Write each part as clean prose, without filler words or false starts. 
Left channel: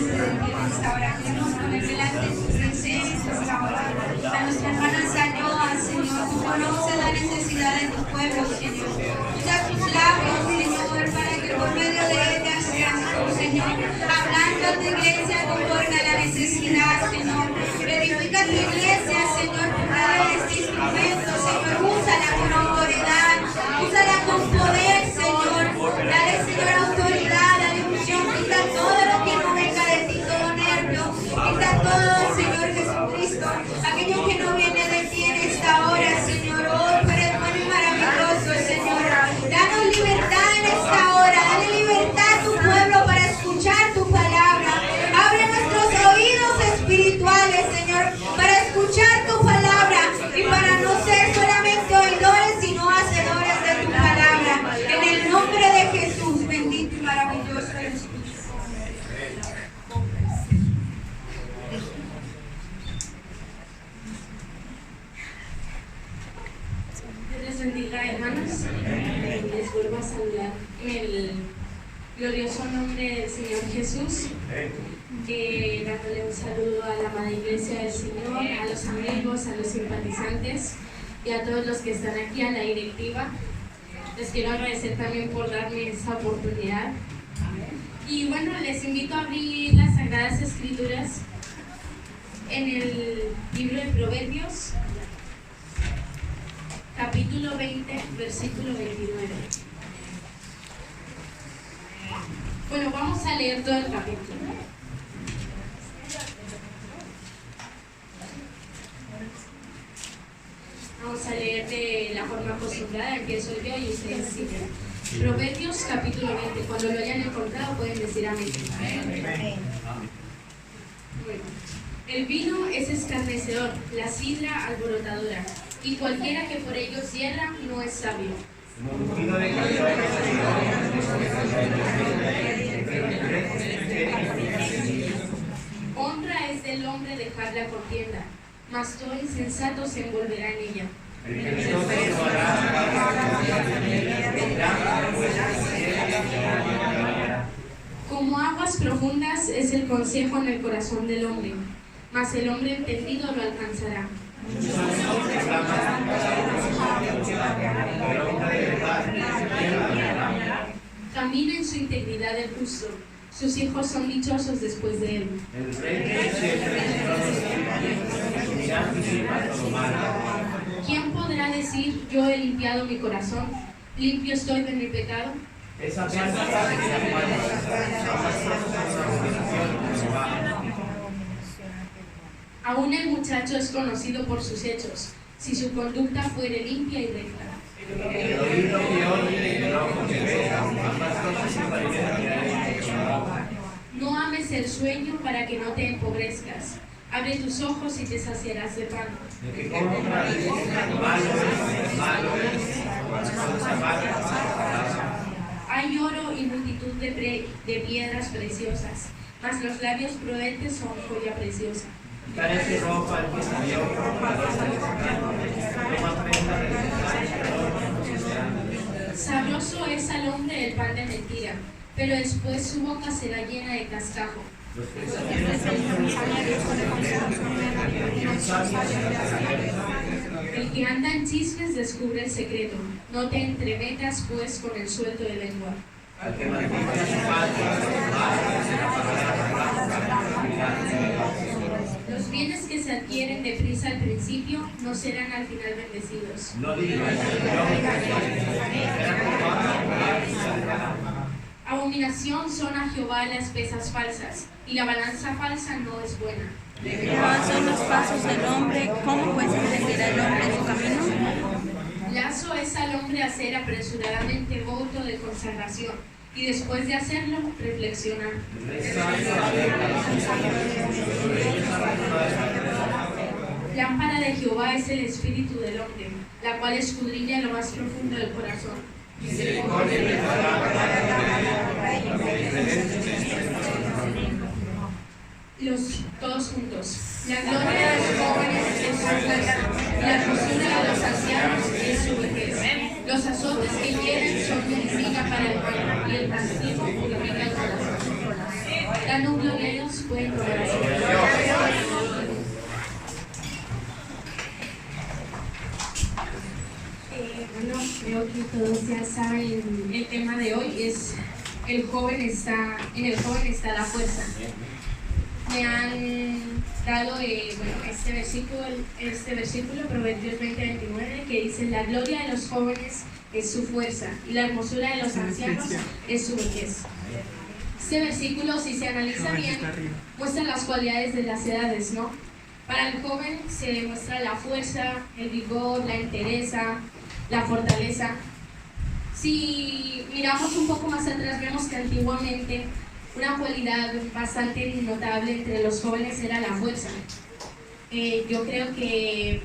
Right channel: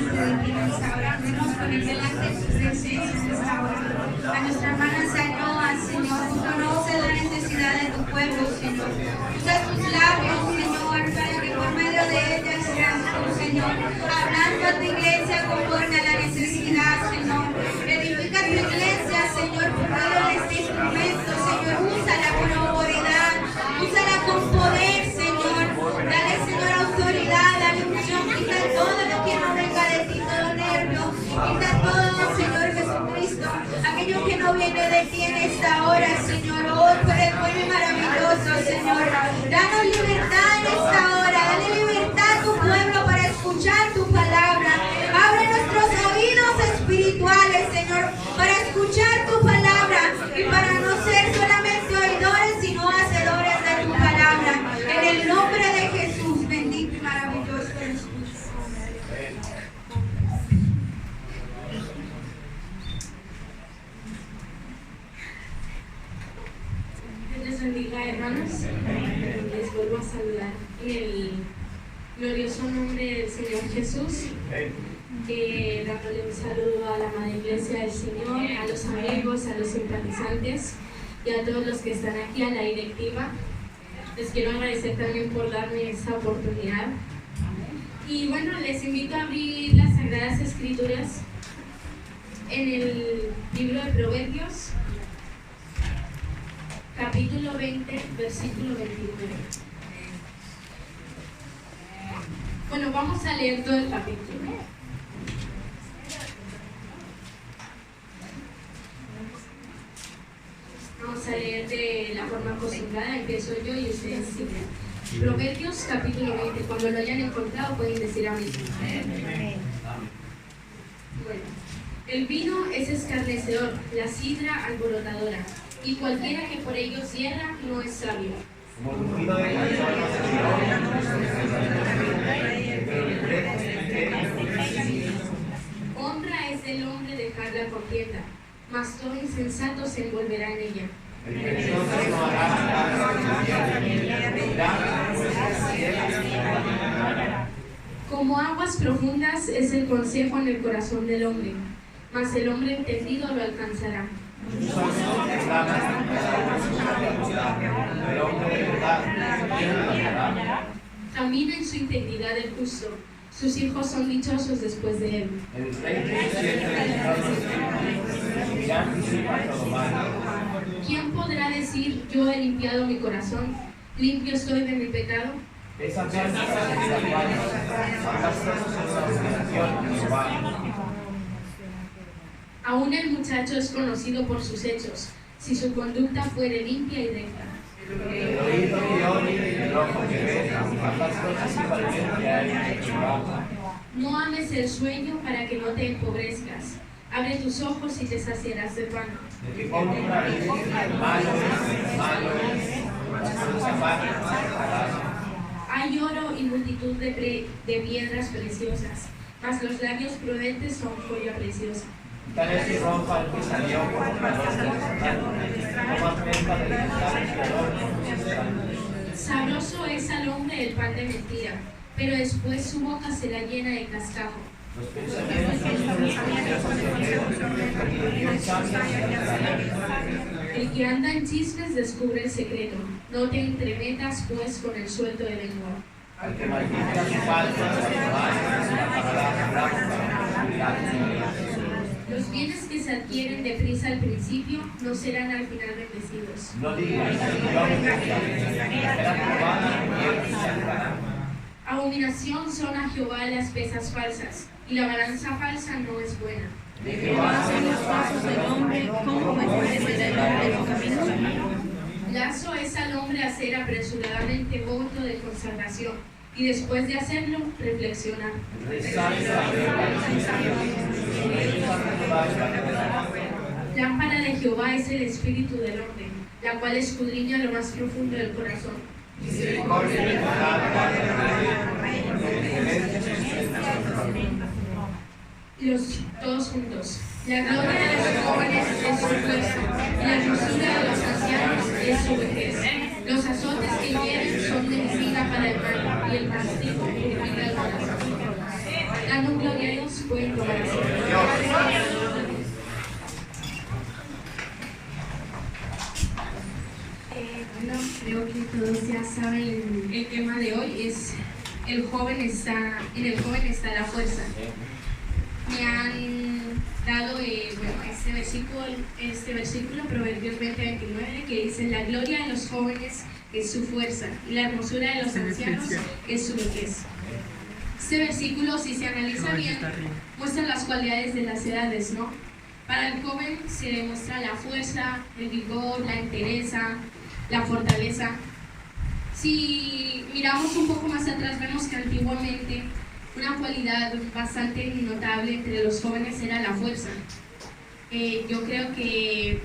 delante de ti en esta hora. Queremos poner delante de tu presencia en esta hora. A nuestra hermana Sayoa, Señor, tú conoces la necesidad de tu pueblo, Señor. Usa tus labios, Señor, para que por medio de ella seas tú, Señor, hablando a tu iglesia conforme a la necesidad, Señor. Edifica tu iglesia, Señor, por medio de este instrumento, Señor. Úsala con autoridad, úsala con poder, Señor. Dale, Señor, autoridad, dale unción. Quita todo lo que no venga de ti, todo nervio. Quita todo, Señor Jesucristo, aquello que no viene de ti en esta hora, Señor. Oh, tú eres bueno y maravilloso, Señor. Danos libertad en esta hora. Dale libertad a tu pueblo para escuchar tu palabra. Abre nuestros oídos espirituales, Señor, para escuchar tu palabra y para no ser solamente oidores, sino hacedores de tu palabra. En el nombre de Jesús, bendito y maravilloso eres tú. Dios les bendiga, hermanos. Les vuelvo a saludar en el glorioso nombre del Señor Jesús. Dándole un saludo a la Madre Iglesia del Señor, a los amigos, a los simpatizantes y a todos los que están aquí, a la directiva. Les quiero agradecer también por darme esta oportunidad. Y bueno, les invito a abrir las Sagradas Escrituras en el libro de Proverbios, capítulo 20, versículo 29. Bueno, vamos a leer todo el capítulo. Vamos a leer de la forma acostumbrada, empiezo yo y ustedes siguen. Proverbios capítulo 20, cuando lo hayan encontrado pueden decir amén. Bueno, el vino es escarnecedor, la sidra alborotadora, y cualquiera que por ello cierra no es sabio. Honra es del hombre dejar la contienda, mas todo insensato se envolverá en ella. Como aguas profundas es el consejo en el corazón del hombre, mas el hombre entendido lo alcanzará. Camina en su integridad el justo, sus hijos son dichosos después de él. ¿Quién podrá decir, yo he limpiado mi corazón, limpio estoy de mi pecado? Aún el muchacho es conocido por sus hechos, si su conducta fuere limpia y recta. No ames el sueño para que no te empobrezcas. Abre tus ojos y te saciarás de pan. Hay oro y multitud de piedras preciosas, mas los labios prudentes son joya preciosa. Sabroso es al hombre el pan de mentira, pero después su boca será llena de cascajo. El que anda en chismes descubre el secreto. No te entremetas pues con el suelto de lengua. Los bienes que se adquieren deprisa al principio no serán al final bendecidos. Abominación son a Jehová las pesas falsas, y la balanza falsa no es buena. Jehová son los pasos del hombre, ¿cómo pues enderezará el hombre su camino? Lazo es al hombre hacer apresuradamente voto de consagración, y después de hacerlo, reflexionar. Lámpara de Jehová es el espíritu del hombre, la cual escudriña lo más profundo del corazón. Todos juntos. La gloria de los jóvenes es su fuerza, y la hermosura de los ancianos es su vejez. Los azotes que hieren son medicina para el mal, y el castigo purifica el corazón. dando gloria a Dios, pueden tomar asiento. Bueno, creo que todos ya saben el tema de hoy es en el joven está la fuerza. Me han dado este versículo, Proverbios 20:29, que dice: la gloria de los jóvenes es su fuerza y la hermosura de los ancianos es su vejez. Este versículo, si se analiza bien, muestra las cualidades de las edades, ¿no? Para el joven se muestra la fuerza, el vigor, la entereza, la fortaleza. Si miramos un poco más atrás, vemos que antiguamente una cualidad bastante notable entre los jóvenes era la fuerza. Yo creo que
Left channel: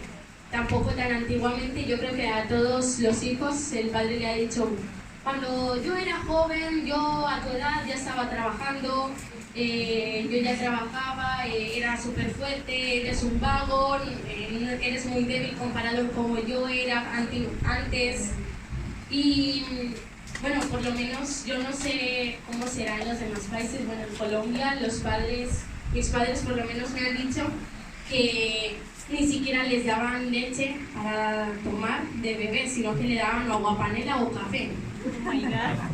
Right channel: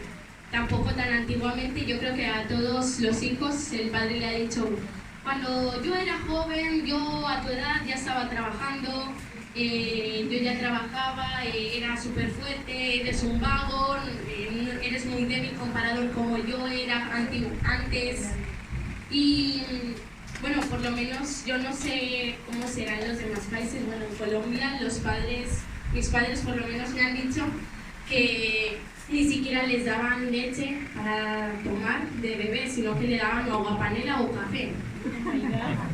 tampoco tan antiguamente, yo creo que a todos los hijos el padre le ha dicho: cuando yo era joven, yo a tu edad ya estaba trabajando, yo ya trabajaba, era súper fuerte, eres un vago, eres muy débil comparado con como yo era antes. Y bueno, por lo menos yo no sé cómo será en los demás países. Bueno, en Colombia mis padres por lo menos me han dicho que ni siquiera les daban leche para tomar de bebé, sino que le daban agua panela o café.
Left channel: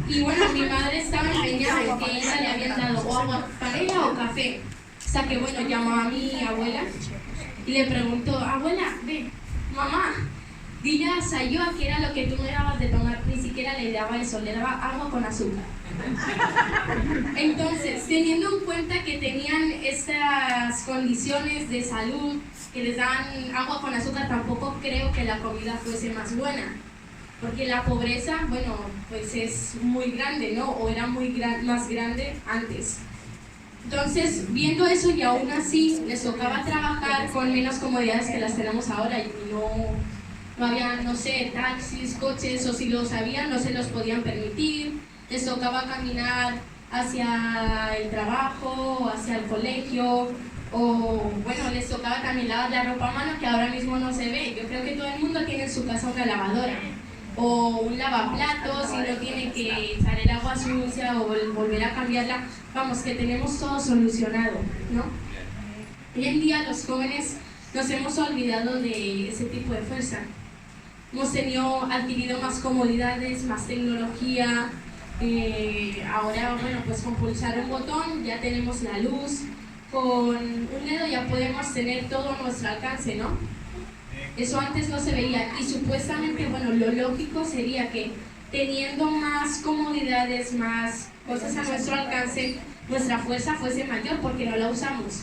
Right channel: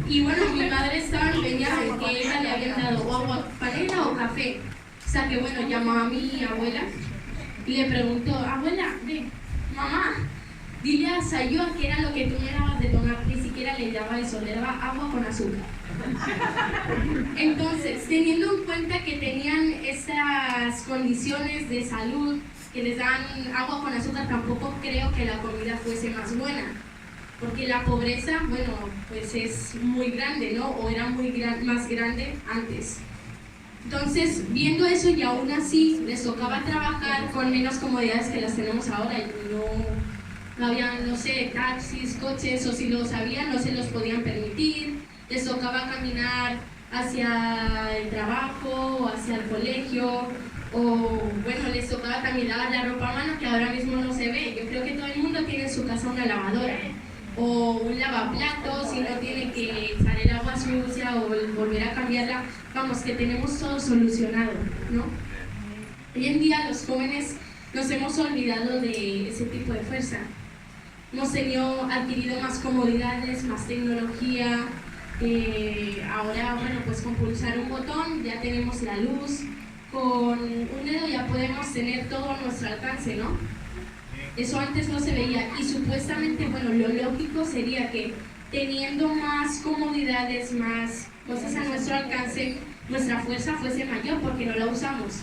Y bueno, mi madre estaba empeñada en que ella le habían dado o agua panela o café. O sea que bueno, llamó a mi abuela y le preguntó: abuela, ve, mamá, dile a Sayua que era lo que tú me dabas de tomar. Ni siquiera le daba eso, le daba agua con azúcar. Entonces, teniendo en cuenta que tenían estas condiciones de salud, que les dan agua con azúcar, tampoco creo que la comida fuese más buena, porque la pobreza, bueno, pues es muy grande, ¿no? O era más grande antes. Entonces, viendo eso, y aún así les tocaba trabajar con menos comodidades que las tenemos ahora. Y no había, no sé, taxis, coches, o si los habían, no se los podían permitir. Les tocaba caminar hacia el trabajo, hacia el colegio, o bueno, les tocaba también lavar la ropa a mano, que ahora mismo no se ve. Yo creo que todo el mundo tiene en su casa una lavadora o un lavaplatos, y no tiene que echar el agua sucia o volver a cambiarla. Vamos, que tenemos todo solucionado, ¿no? Hoy en día los jóvenes nos hemos olvidado de ese tipo de fuerza. Hemos adquirido más comodidades, más tecnología. Ahora, bueno, pues con pulsar un botón ya tenemos la luz. Con un dedo ya podemos tener todo a nuestro alcance, ¿no? Eso antes no se veía, y supuestamente, bueno, lo lógico sería que teniendo más comodidades, más cosas a nuestro alcance, nuestra fuerza fuese mayor porque no la usamos.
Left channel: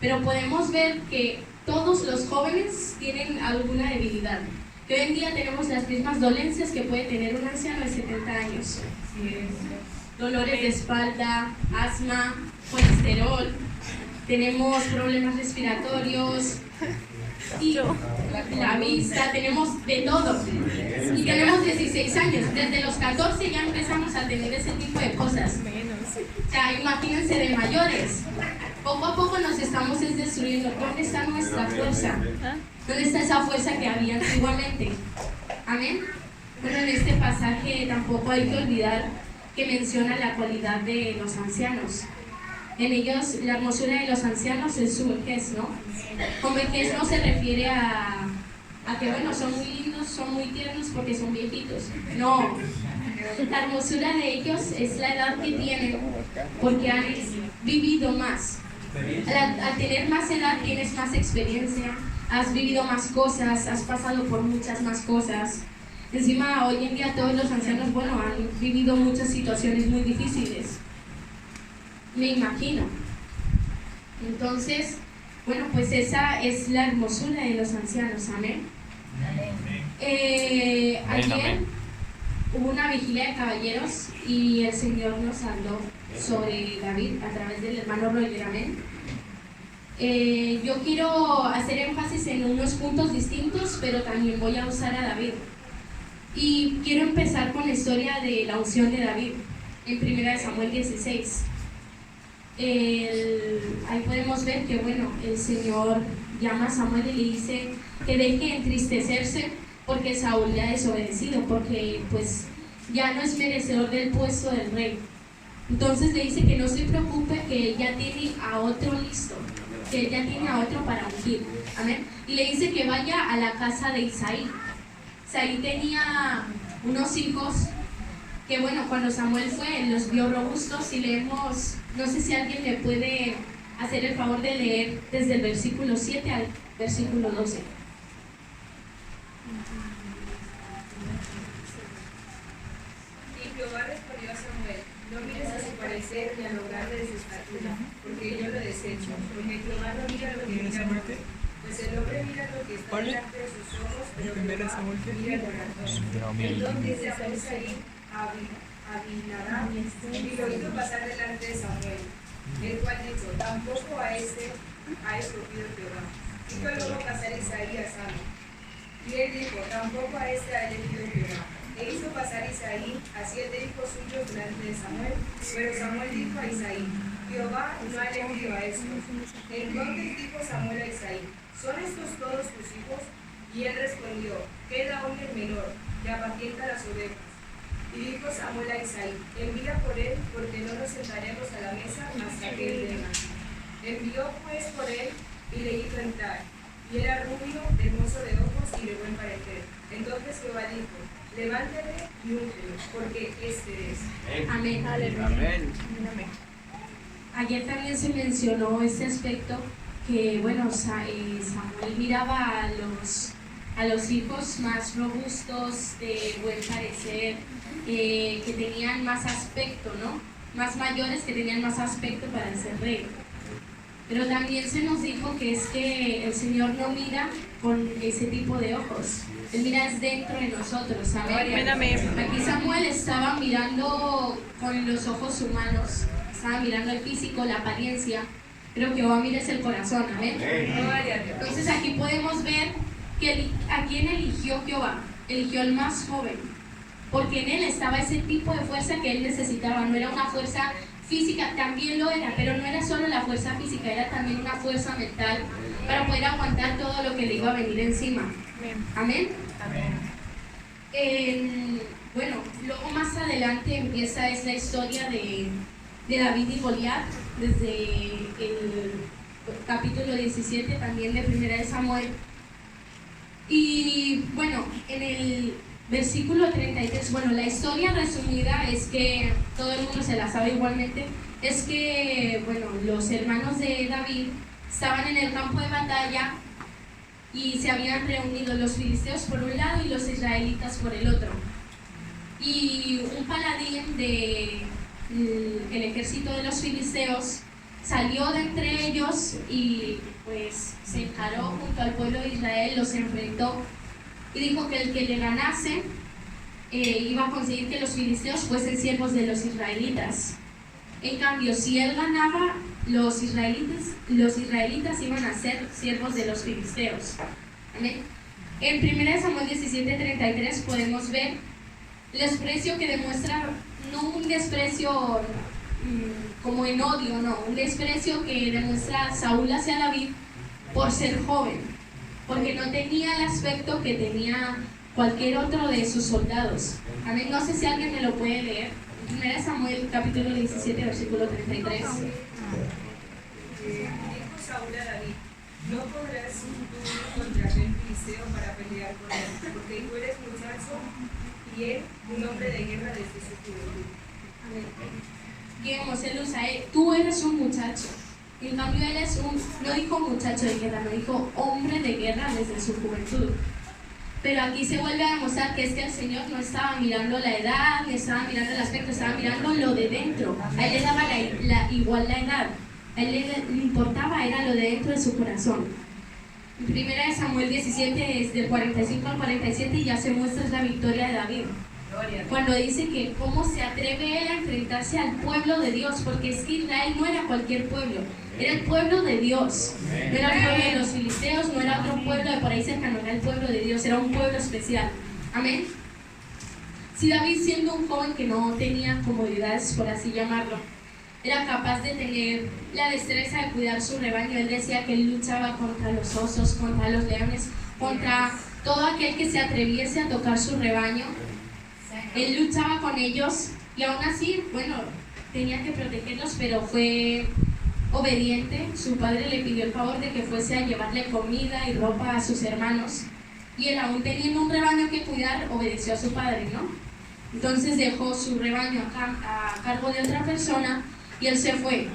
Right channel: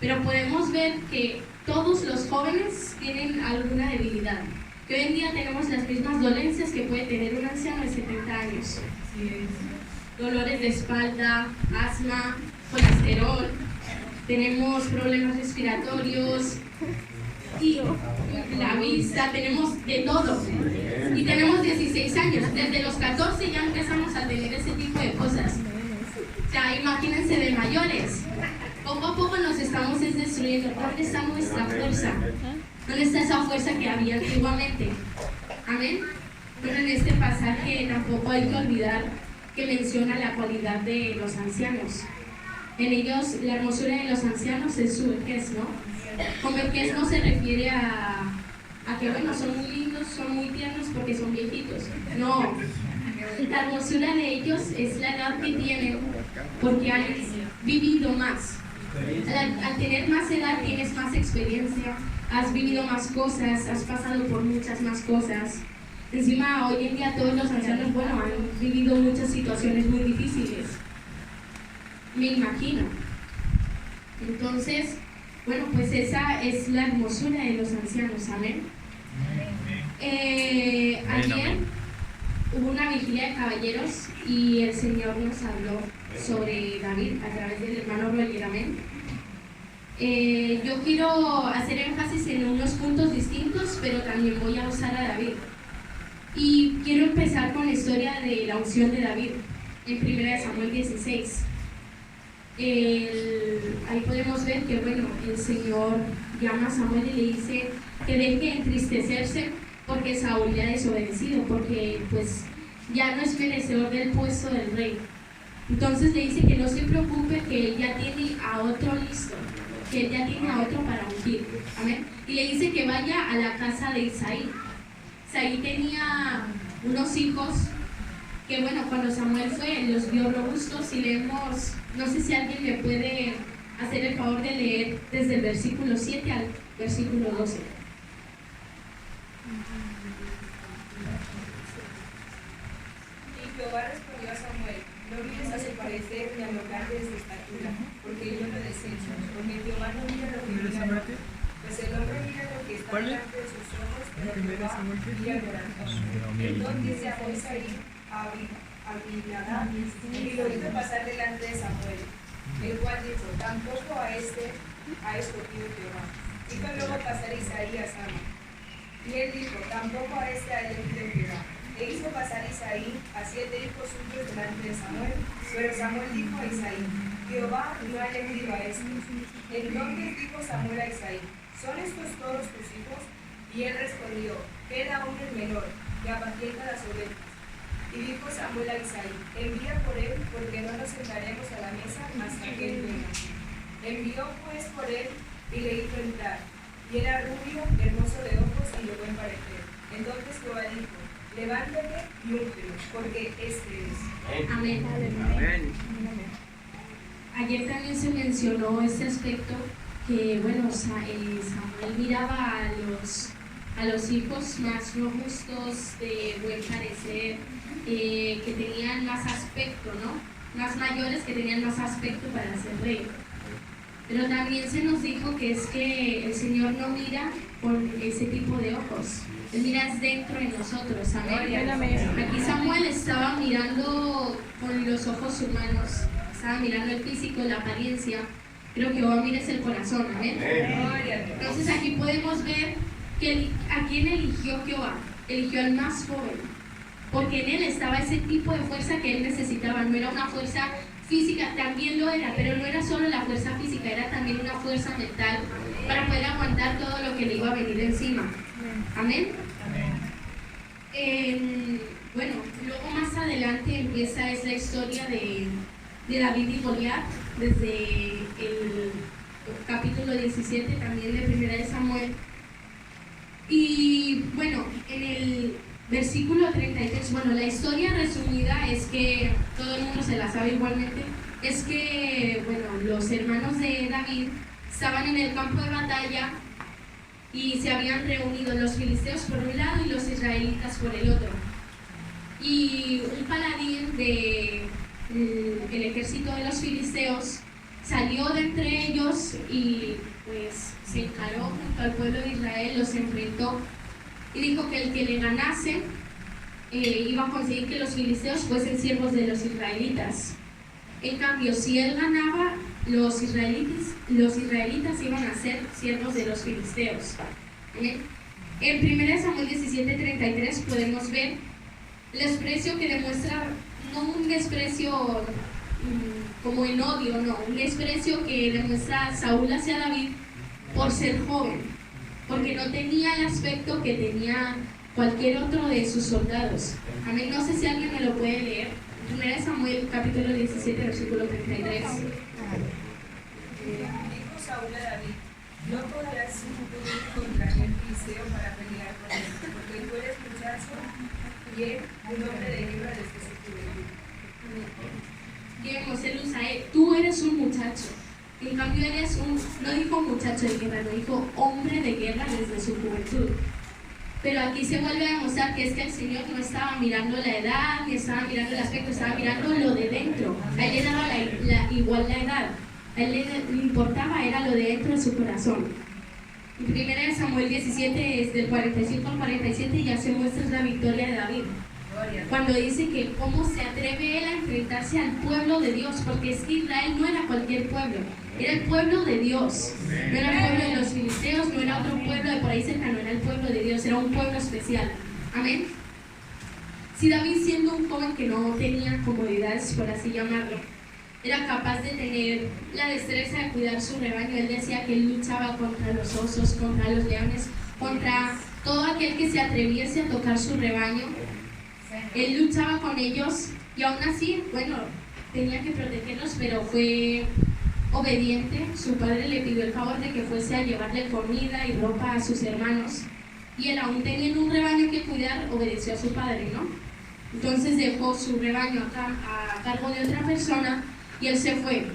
Pero podemos ver que todos los jóvenes tienen alguna debilidad, que hoy en día tenemos las mismas dolencias que puede tener un anciano de 70 años. Dolores de espalda, asma, colesterol, tenemos problemas respiratorios y la vista, tenemos de todo. Y tenemos 16 años, desde los 14 ya empezamos a tener ese tipo de cosas. O sea, imagínense de mayores. Poco a poco nos estamos destruyendo. ¿Dónde está nuestra fuerza? ¿Dónde está esa fuerza que había antiguamente? Amén. Bueno, en este pasaje tampoco hay que olvidar que menciona la cualidad de los ancianos. En ellos, la hermosura de los ancianos es su vejez, ¿no? Con vejez no se refiere a que, bueno, son muy lindos, son muy tiernos porque son viejitos. No. La hermosura de ellos es la edad que tienen porque han vivido más. Al tener más edad tienes más experiencia, has vivido más cosas, has pasado por muchas más cosas. Encima, hoy en día todos los ancianos, bueno, han vivido muchas situaciones muy difíciles, me imagino. Entonces, bueno, pues esa es la hermosura de los ancianos. Amén. Ayer hubo una vigilia de caballeros y el Señor nos habló sobre David a través del hermano Roger. Amén. Yo quiero hacer énfasis en unos puntos distintos, pero también voy a usar a David. Y quiero empezar con la historia de la unción de David en 1 Samuel 16. Ahí podemos ver que, bueno, el Señor llama a Samuel y le dice que deje de entristecerse porque Saúl le ha desobedecido, porque pues ya no es merecedor del puesto del rey. Entonces le dice que no se preocupe que él ya tiene a otro listo, que él ya tiene a otro para ungir. Amén. Y le dice que vaya a la casa de Isaí. Isaí tenía unos hijos que, bueno, cuando Samuel fue, los vio robustos, y leemos, no sé si alguien le puede hacer el favor de leer desde el versículo 7 al versículo 12. Y Jehová respondió a Samuel: no mires a su parecer ni a lo grande de su estatura, porque yo lo desecho, porque Jehová no mira lo que mira el hombre, pues el hombre mira lo que está delante de sus ojos, pero Jehová mira el corazón. Entonces llamó Isaí a Abinadab y lo hizo pasar delante de Samuel, el cual dijo: tampoco a este ha escogido Jehová. Hizo luego pasar Isaí a Samuel, y él dijo: tampoco a este ha elegido Jehová. E hizo pasar Isaí a 7 hijos suyos delante de Samuel, pero Samuel dijo a Isaí: Jehová no ha elegido a estos. Entonces dijo Samuel a Isaí: ¿son estos todos tus hijos? Y él respondió: queda aún el menor, que apacienta las ovejas. Y dijo Samuel a Isaí: envía por él, porque no nos sentaremos a la mesa hasta que él venga. Envió pues por él y le hizo entrar. Y era rubio, hermoso de ojos y de buen parecer. Entonces Jehová dijo: levántele y úngelo, porque este es. Amén. Amén. Ayer también se mencionó este aspecto que, bueno, Samuel miraba a los hijos más robustos, de buen parecer, que tenían más aspecto, ¿no? Más mayores, que tenían más aspecto para ser rey. Pero también se nos dijo que es que el Señor no mira con ese tipo de ojos. Él mira dentro de nosotros. Amén. Aquí Samuel estaba mirando con los ojos humanos. Estaba mirando el físico, la apariencia. Pero Jehová mira es el corazón. Amén. Entonces aquí podemos ver que a quién eligió Jehová. Eligió al más joven. Porque en él estaba ese tipo de fuerza que él necesitaba. No era una fuerza física, también lo era, pero no era solo la fuerza física, era también una fuerza mental para poder aguantar todo lo que le iba a venir encima. Amén. Bueno, luego más adelante empieza esa historia de David y Goliat, desde el capítulo 17 también de 1 de Samuel. Y bueno, en el versículo 33, bueno, la historia resumida es que todo el mundo se la sabe igualmente, es que, bueno, los hermanos de David estaban en el campo de batalla y se habían reunido los filisteos por un lado y los israelitas por el otro. Y un paladín del ejército de los filisteos salió de entre ellos y pues se encaró junto al pueblo de Israel, los enfrentó y dijo que el que le ganase iba a conseguir que los filisteos fuesen siervos de los israelitas. En cambio, si él ganaba, los israelitas iban a ser siervos de los filisteos. ¿Amén? En 1 Samuel 17:33 podemos ver el desprecio que demuestra, no un desprecio como en odio, no, un desprecio que demuestra Saúl hacia David por ser joven, porque no tenía el aspecto que tenía cualquier otro de sus soldados. Amén. No sé si alguien me lo puede leer. 1 Samuel capítulo 17, versículo 33. Dijo Saúl a David: no podrás ir contra aquel filisteo para pelear con él, porque tú eres muchacho y él un hombre de guerra desde su juventud. Digamos, él usa, tú eres un muchacho. En cambio, él es no dijo muchacho de guerra, no dijo hombre de guerra desde su juventud. Pero aquí se vuelve a demostrar que es que el Señor no estaba mirando la edad, ni estaba mirando el aspecto, estaba mirando lo de dentro. A él le daba igual la edad. A él le importaba, era lo de dentro de su corazón. En 1 Samuel 17, desde el 45 al 47, ya se muestra la victoria de David. Cuando dice que cómo se atreve él a enfrentarse al pueblo de Dios, porque es que Israel no era cualquier pueblo, era el pueblo de Dios, no era el pueblo de los filisteos, no era otro pueblo de por ahí cercano, era el pueblo de Dios, era un pueblo especial. Amén. Si David, siendo un joven que no tenía comodidades, por así llamarlo, era capaz de tener la destreza de cuidar su rebaño, él decía que él luchaba contra los osos, contra los leones, contra todo aquel que se atreviese a tocar su rebaño. Él luchaba con ellos y aún así, bueno, tenía que protegerlos, pero fue obediente. Su padre le pidió el favor de que fuese a llevarle comida y ropa a sus hermanos, y él, aún teniendo un rebaño que cuidar, obedeció a su padre, ¿no? Entonces dejó su rebaño a cargo de otra persona y él se fue.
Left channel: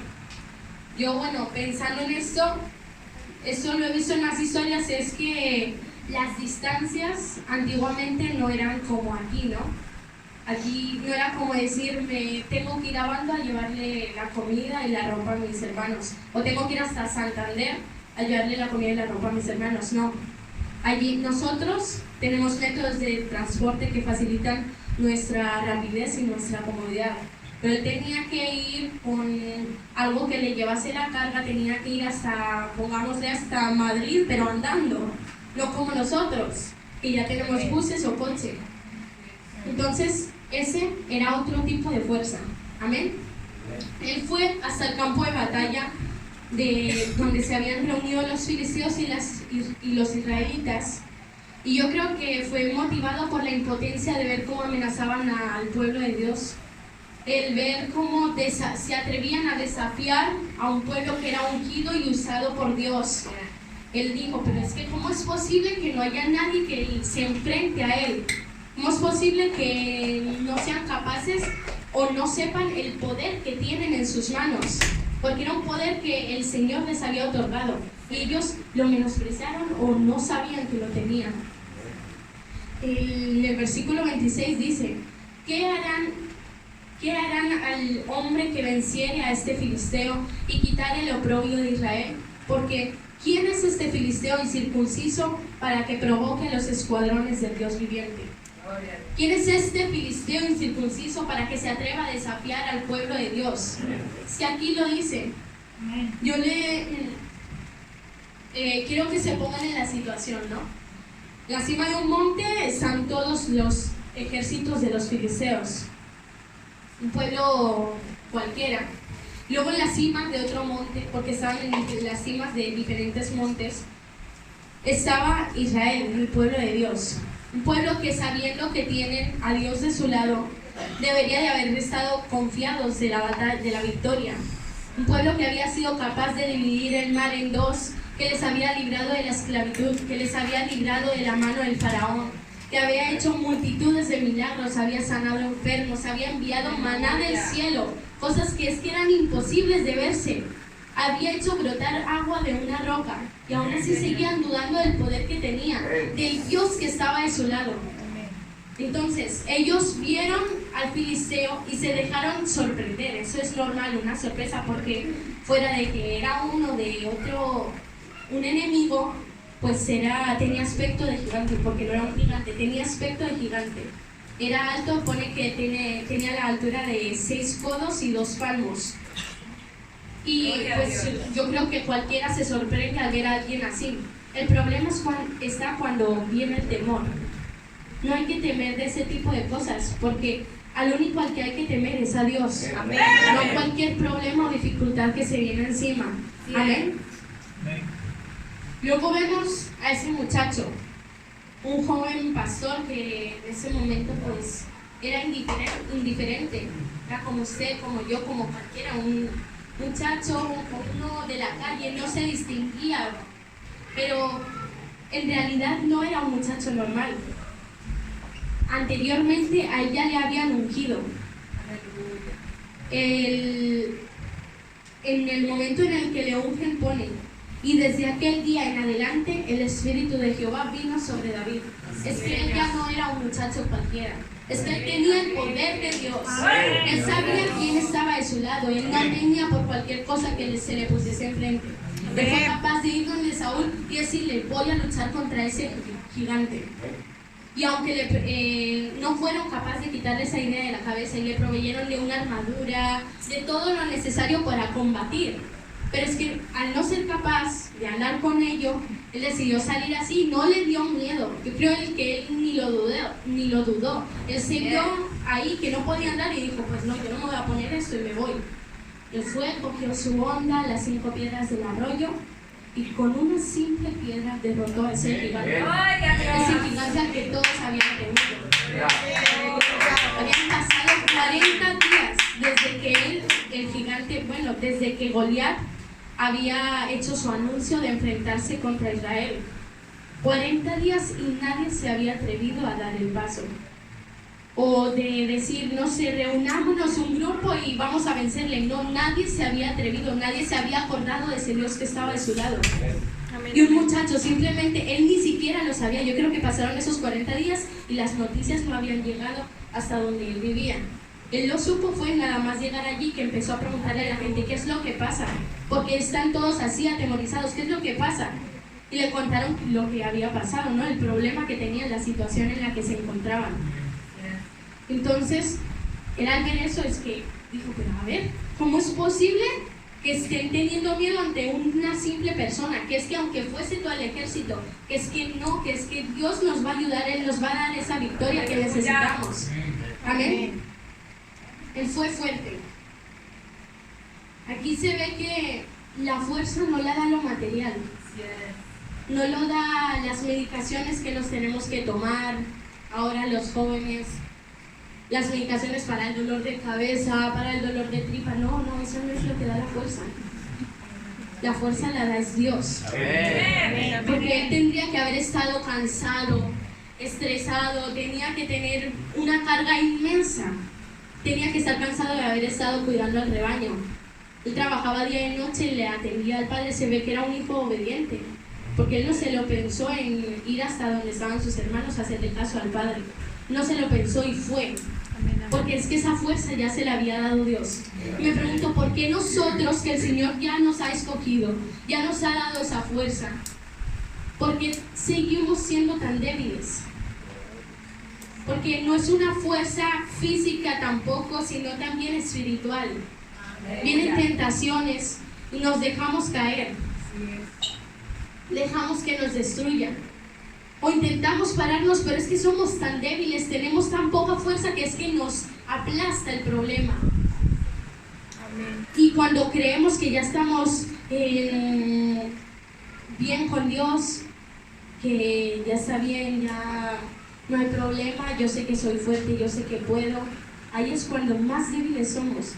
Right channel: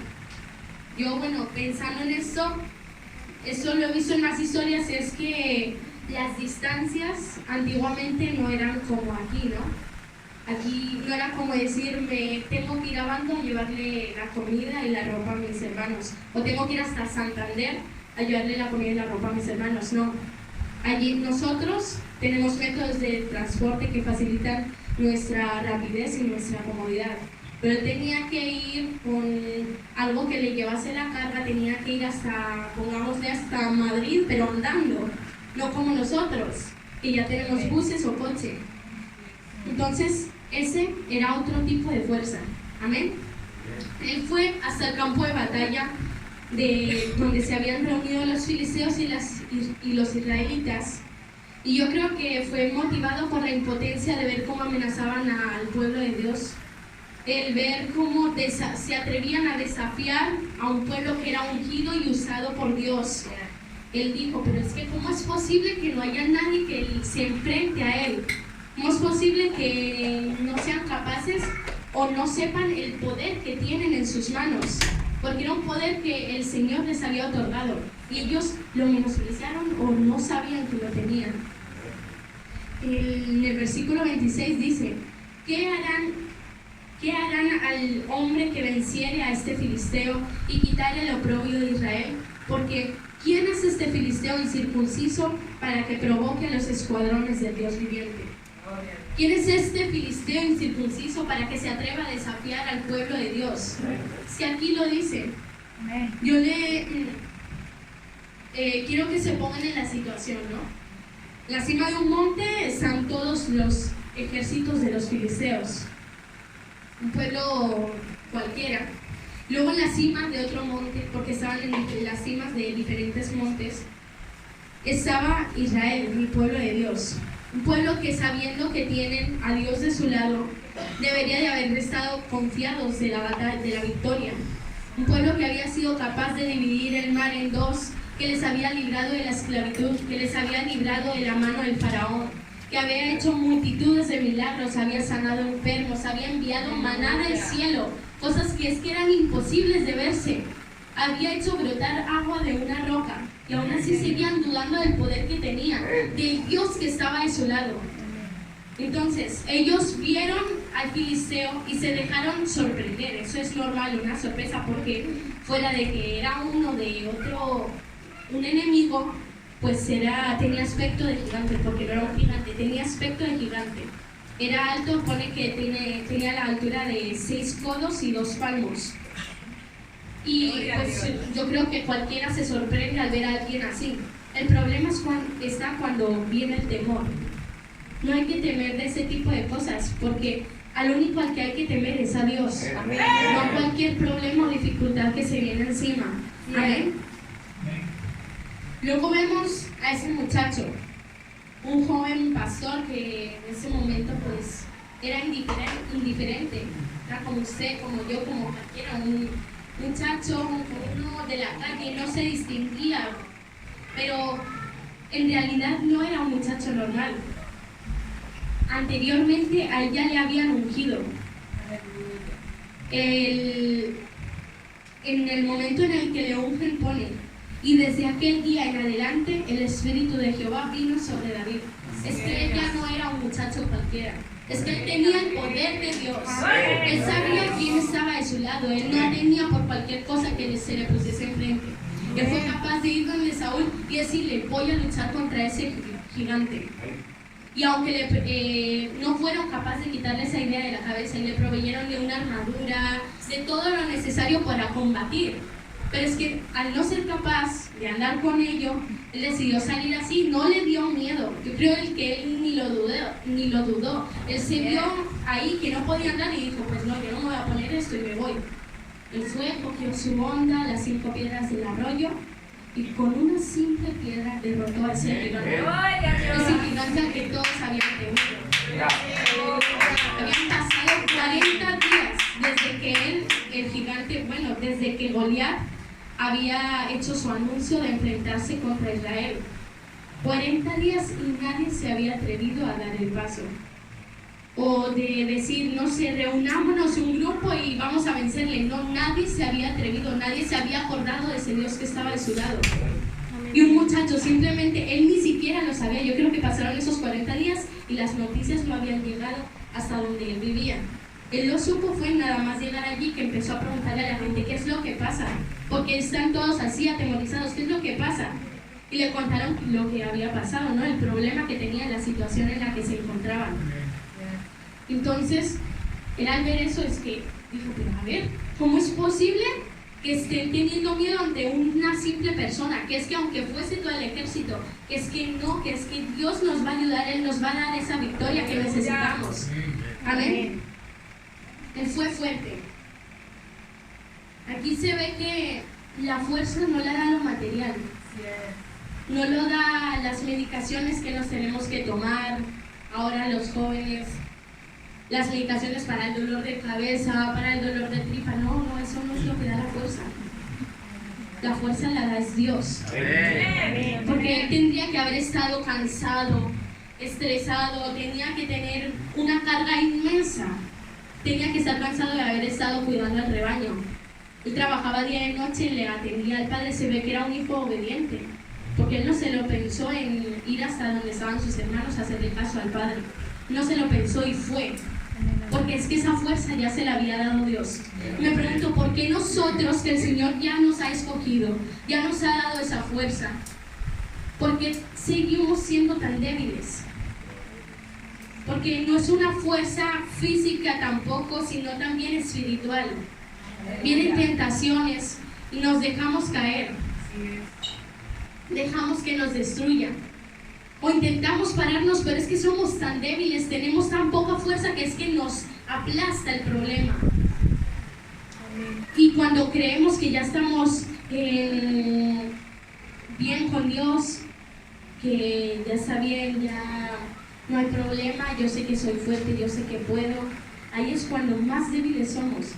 Yo, bueno, pensando en esto lo he visto en más historias, es que las distancias antiguamente no eran como aquí, ¿no? Aquí no era como decir, me tengo que ir a Bando a llevarle la comida y la ropa a mis hermanos, o tengo que ir hasta Santander a llevarle la comida y la ropa a mis hermanos. No, allí nosotros tenemos métodos de transporte que facilitan nuestra rapidez y nuestra comodidad, pero él tenía que ir con algo que le llevase la carga, tenía que ir hasta, pongámosle, hasta Madrid, pero andando, no como nosotros, que ya tenemos buses o coche. Entonces, ese era otro tipo de fuerza. Amén. Él fue hasta el campo de batalla de donde se habían reunido los filisteos y los israelitas. Y yo creo que fue motivado por la impotencia de ver cómo amenazaban al pueblo de Dios. El ver cómo se atrevían a desafiar a un pueblo que era ungido y usado por Dios. Él dijo, pero es que ¿cómo es posible que no haya nadie que se enfrente a él? ¿Cómo es posible que no sean capaces o no sepan el poder que tienen en sus manos? Porque era un poder que el Señor les había otorgado y ellos lo menospreciaron o no sabían que lo tenían. En el versículo 26 dice, ¿qué harán al hombre que venciere a este filisteo y quitare el oprobio de Israel? Porque ¿quién es este filisteo incircunciso para que provoque a los escuadrones del Dios viviente? ¿Quién es este filisteo incircunciso para que se atreva a desafiar al pueblo de Dios? Si aquí lo dice, yo quiero que se pongan en la situación, ¿no? En la cima de un monte están todos los ejércitos de los filisteos, un pueblo cualquiera. Luego en la cima de otro monte, porque estaban en las cimas de diferentes montes, estaba Israel, el pueblo de Dios. Un pueblo que, sabiendo que tienen a Dios de su lado, debería de haber estado confiados de la batalla, de la victoria. Un pueblo que había sido capaz de dividir el mar en dos, que les había librado de la esclavitud, que les había librado de la mano del faraón, que había hecho multitudes de milagros, había sanado enfermos, había enviado maná del cielo, cosas que eran imposibles de verse. Había hecho brotar agua de una roca y aún así seguían dudando del poder que tenía, del Dios que estaba de su lado. Entonces ellos vieron al filisteo y se dejaron sorprender. Eso es normal, una sorpresa, porque fuera de que era uno de otro, un enemigo, pues tenía aspecto de gigante, porque no era un gigante, tenía aspecto de gigante. Era alto, pone que tenía la altura de 6 codos y 2 palmos. Y pues yo creo que cualquiera se sorprende al ver a alguien así. El problema está cuando viene el temor. No hay que temer de ese tipo de cosas, porque al único al que hay que temer es a Dios. Amén. No cualquier problema o dificultad que se viene encima. Amén. Luego vemos a ese muchacho, un joven pastor que en ese momento pues era indiferente. Era como usted, como yo, como cualquiera, un muchacho, uno de la calle, no se distinguía, pero en realidad no era un muchacho normal. Anteriormente a él ya le habían ungido. En el momento en el que le ungen pone, y desde aquel día en adelante el Espíritu de Jehová vino sobre David. Es que él ya no era un muchacho cualquiera. Es que él tenía el poder de Dios. Él sabía quién estaba de su lado. Él no tenía por cualquier cosa que se le pusiese enfrente. Él fue capaz de ir donde Saúl y decirle, voy a luchar contra ese gigante. Y aunque no fueron capaces de quitarle esa idea de la cabeza y le proveyeron de una armadura, de todo lo necesario para combatir, pero es que al no ser capaz de andar con ello, él decidió salir así. No le dio miedo. Yo creo que él ni lo dudó. Él se vio ahí que no podía andar y dijo, pues no, yo no me voy a poner esto y me voy. Él fue, cogió su onda, las 5 piedras del arroyo, y con una simple piedra derrotó a ese gigante. Ese gigante al que todos habían temido. Habían pasado 40 días desde que el gigante, desde que Goliat había hecho su anuncio de enfrentarse contra Israel. 40 días y nadie se había atrevido a dar el paso. O de decir, no sé, reunámonos un grupo y vamos a vencerle. No, nadie se había atrevido, nadie se había acordado de ese Dios que estaba a su lado. Y un muchacho, simplemente, él ni siquiera lo sabía. Yo creo que pasaron esos 40 días y las noticias no habían llegado hasta donde él vivía. Él lo supo fue nada más llegar allí que empezó a preguntarle a la gente qué es lo que pasa, porque están todos así atemorizados, qué es lo que pasa. Y le contaron lo que había pasado, ¿no? El problema que tenía, la situación en la que se encontraban. Entonces, él al ver eso es que dijo, pero a ver, ¿cómo es posible que estén teniendo miedo ante una simple persona? Que es que aunque fuese todo el ejército, que es que no, que es que Dios nos va a ayudar, Él nos va a dar esa victoria que necesitamos. Amén. Él fue fuerte. Aquí se ve que la fuerza no la da lo material, no lo da las medicaciones que nos tenemos que tomar ahora los jóvenes, las medicaciones para el dolor de cabeza, para el dolor de tripa. No, eso no es lo que da la fuerza. La fuerza la da es Dios. Amén. Porque Él tendría que haber estado cansado, estresado, tenía que tener una carga inmensa, tenía que estar cansado de haber estado cuidando al rebaño. Él trabajaba día y noche, le atendía al padre, se ve que era un hijo obediente, porque él no se lo pensó en ir hasta donde estaban sus hermanos a hacerle caso al padre. No se lo pensó y fue, porque es que esa fuerza ya se la había dado Dios. Me pregunto, ¿por qué nosotros, que el Señor ya nos ha escogido, ya nos ha dado esa fuerza, por qué seguimos siendo tan débiles? Porque no es una fuerza física tampoco, sino también espiritual. Vienen tentaciones y nos dejamos caer, dejamos que nos destruyan. O intentamos pararnos, pero es que somos tan débiles, tenemos tan poca fuerza que es que nos aplasta el problema. Y cuando creemos que ya estamos bien con Dios, que ya está bien, ya no hay problema, yo sé que soy fuerte, yo sé que puedo, ahí es cuando más débiles somos,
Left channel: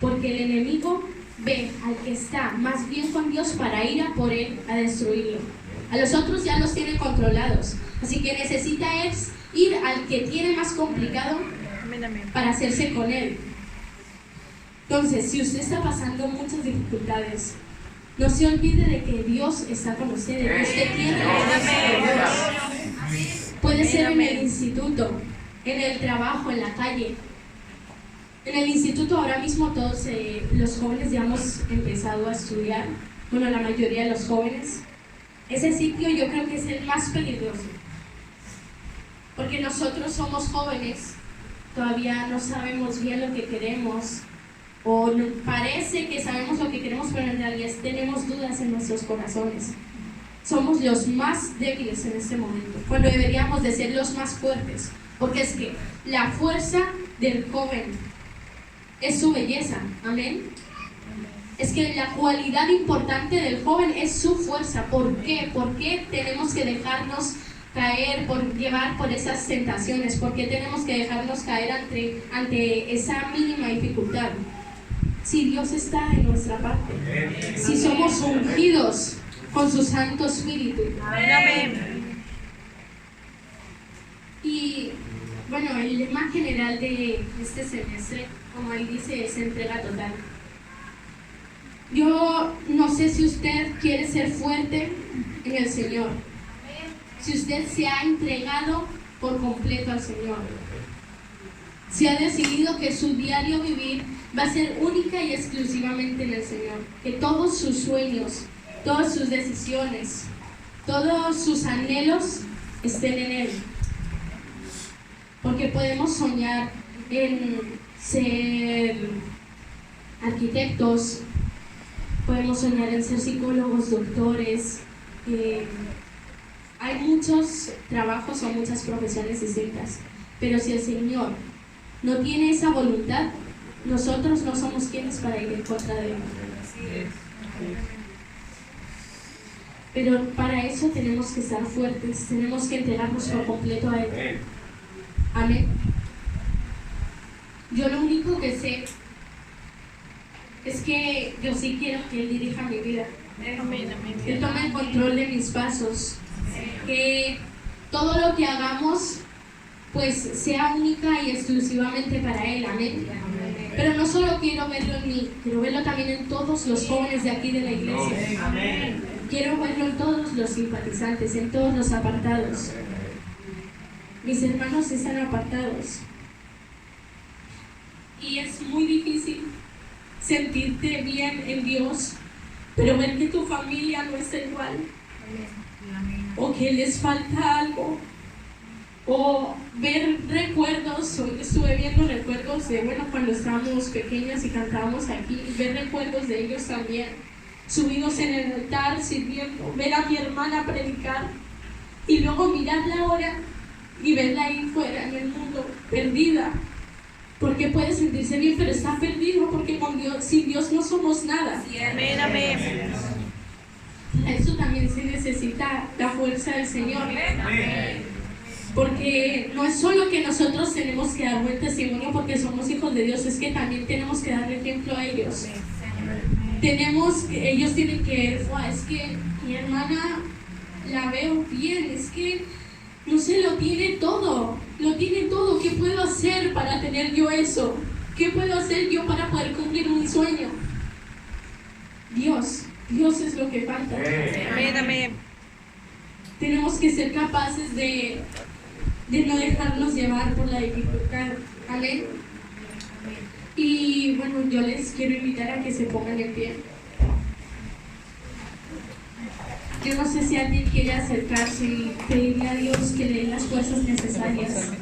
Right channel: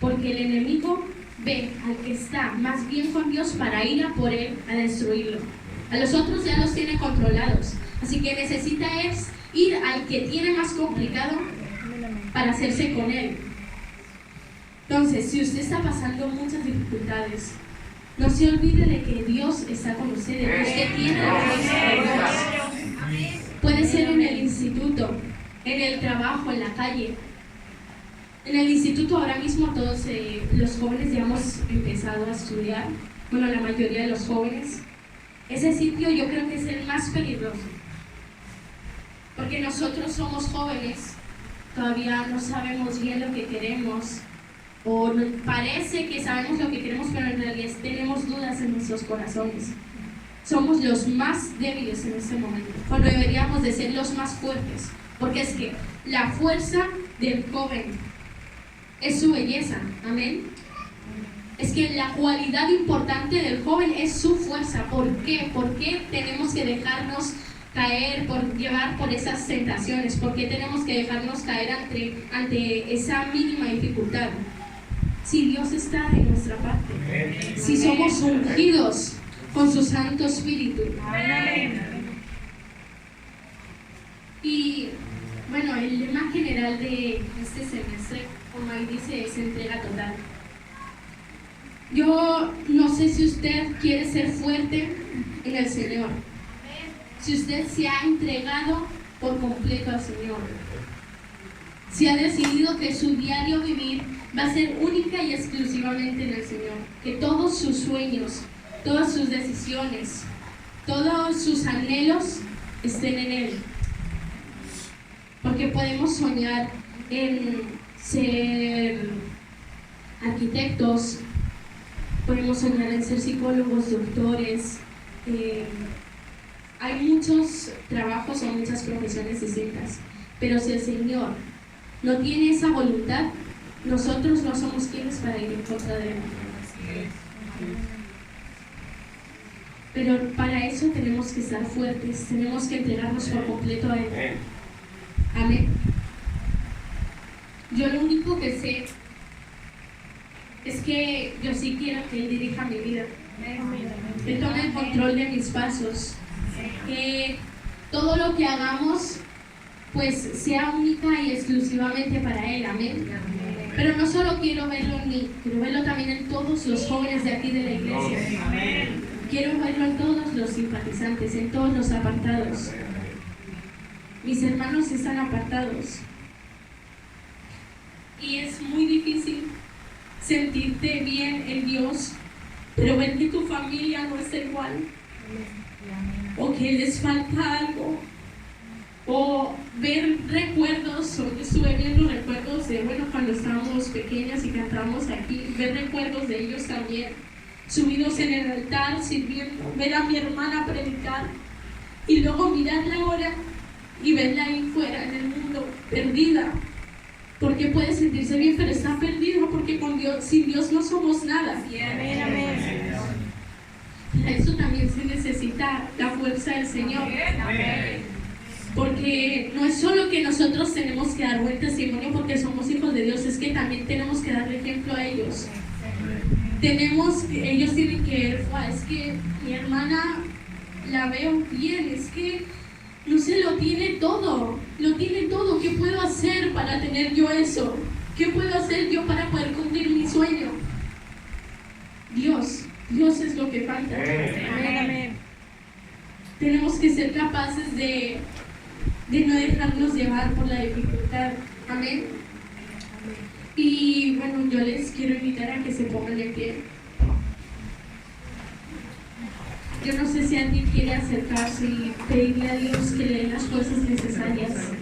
porque el enemigo ve al que está más bien con Dios para ir a por él, a destruirlo. A los otros ya los tiene controlados, así que necesita es ir al que tiene más complicado para hacerse con él. Entonces, si usted está pasando muchas dificultades, no se olvide de que Dios está con usted, de que usted tiene la fuerza de Dios. Puede ser en el instituto, en el trabajo, en la calle. En el instituto ahora mismo todos los jóvenes ya hemos empezado a estudiar, bueno, la mayoría de los jóvenes. Ese sitio yo creo que es el más peligroso, porque nosotros somos jóvenes, todavía no sabemos bien lo que queremos, o parece que sabemos lo que queremos, pero en realidad tenemos dudas en nuestros corazones. Somos los más débiles en este momento, cuando deberíamos de ser los más fuertes, porque es que la fuerza del joven es su belleza, amén. Es que la cualidad importante del joven es su fuerza. ¿Por qué? ¿Por qué tenemos que dejarnos caer, llevar por esas tentaciones? ¿Por qué tenemos que dejarnos caer ante esa mínima dificultad? Si Dios está de nuestra parte, si somos ungidos con su Santo Espíritu. Amén. Y bueno, el lema general de este semestre, como ahí dice, es entrega total. Yo no sé si usted quiere ser fuerte en el Señor, si usted se ha entregado por completo al Señor, si ha decidido que su diario vivir va a ser única y exclusivamente en el Señor, que todos sus sueños, todas sus decisiones, todos sus anhelos estén en Él. Porque podemos soñar en ser arquitectos, podemos soñar en ser psicólogos, doctores. Hay muchos trabajos o muchas profesiones distintas, pero si el Señor no tiene esa voluntad, nosotros no somos quienes para ir en contra de Él. Pero para eso tenemos que estar fuertes, tenemos que entregarnos por completo a Él. Amén. Yo lo único que sé es que yo sí quiero que Él dirija mi vida. Él tome el control de mis pasos. Que todo lo que hagamos pues sea única y exclusivamente para Él. Amén. Pero no solo quiero verlo en mí, quiero verlo también en todos los jóvenes de aquí de la iglesia. Quiero verlo en todos los simpatizantes, en todos los apartados. Mis hermanos están apartados. Y es muy difícil sentirte bien en Dios, pero ver que tu familia no está igual, o que les falta algo, o ver recuerdos. Hoy estuve viendo recuerdos de, cuando estábamos pequeñas y cantábamos aquí, ver recuerdos de ellos también, subidos en el altar, sirviendo, ver a mi hermana predicar, y luego mirarla ahora y verla ahí fuera en el mundo, perdida, porque puede sentirse bien, pero está perdido, porque sin Dios no somos nada. Amén. A eso también se necesita la fuerza del Señor. Porque no es solo que nosotros tenemos que dar buen testimonio porque somos hijos de Dios, es que también tenemos que darle ejemplo a ellos. Ellos tienen que ver, es que mi hermana la veo bien, es que no sé, lo tiene todo, ¿qué puedo hacer para tener yo eso? ¿Qué puedo hacer yo para poder cumplir mi sueño? Dios es lo que falta. Amén. Tenemos que ser capaces de no dejarnos llevar por la dificultad. Amén. Y yo les quiero invitar a que se pongan en pie. Yo no sé si alguien quiere acercarse y pedirle a Dios que le dé las fuerzas necesarias.